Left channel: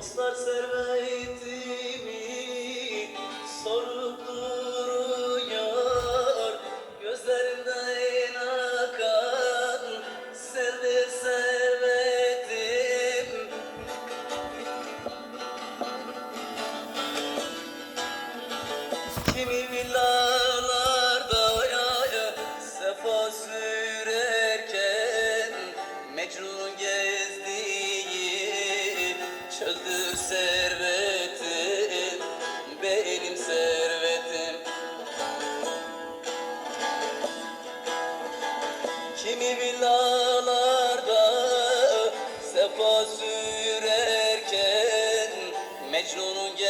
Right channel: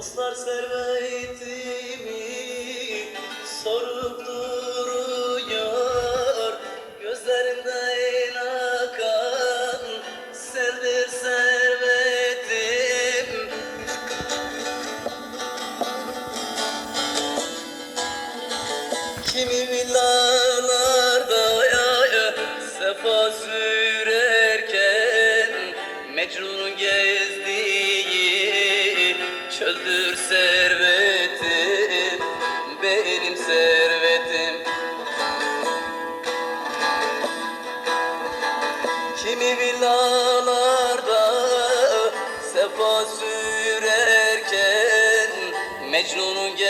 Dostlar servetimi sorup duruyor. Gözlerinden akan sendir servetim. Kimi villalarda sefa sürerken Mecnun'un gezdiği çöldür servetim Benim servetim. Kimi villalarda sefa sürerken Mecnun'un gezdiği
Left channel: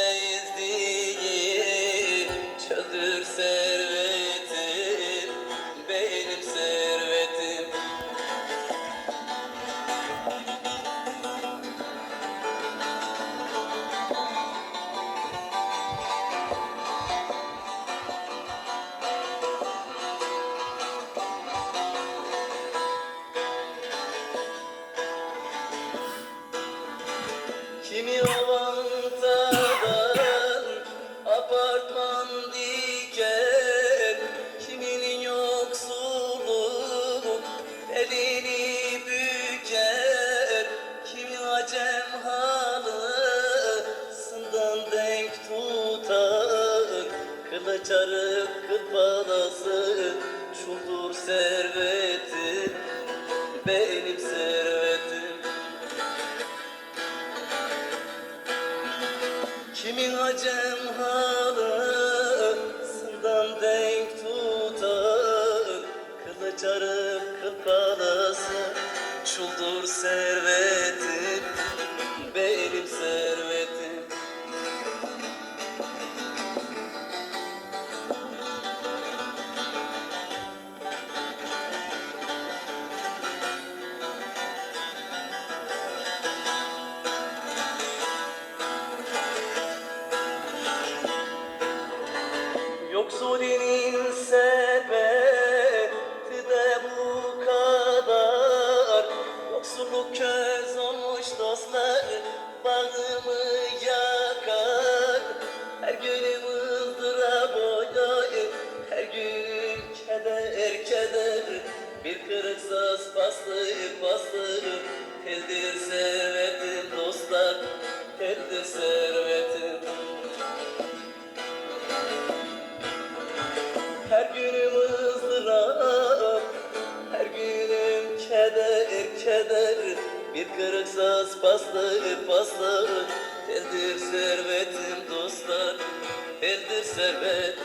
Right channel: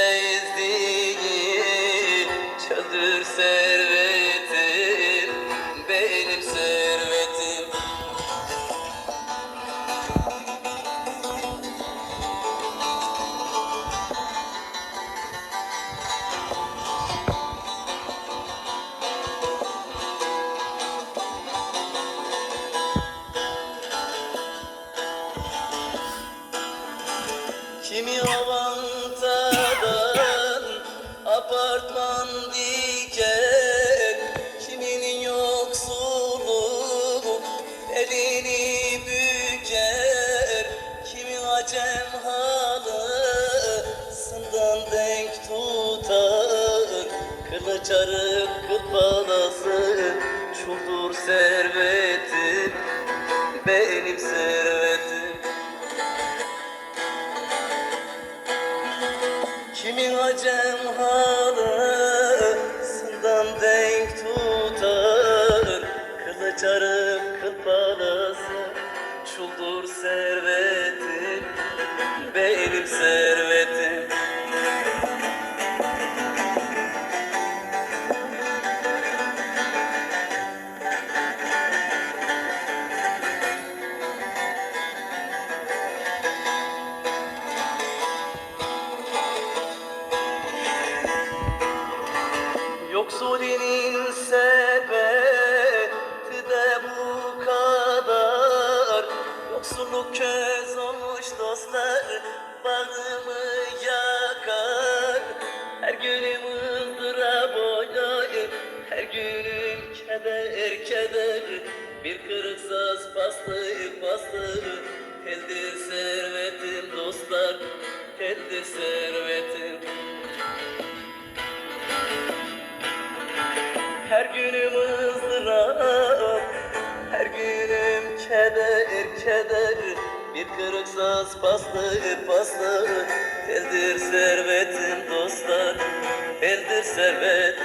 Kimi avantadan apartman diken Kiminin yoksulluğu elini büker. Kimi acem halısından denk tutar. Kılıç arıp kıl balası çuldur servetim Benim Kimin acem halısından denk tutar? Kılıç arıp kıl balası Çuldur servetim. Benim servetim Bağrımı yakar. Her günüm ızdırap oynayır. Her günüm keder keder. Bir kırık saz paslı paslı Teldir servetim dostlar Teldir servetim Her günüm ızdırap, her günüm keder keder Bir kırık saz paslı paslı Teldir servetim dostlar, teldir servet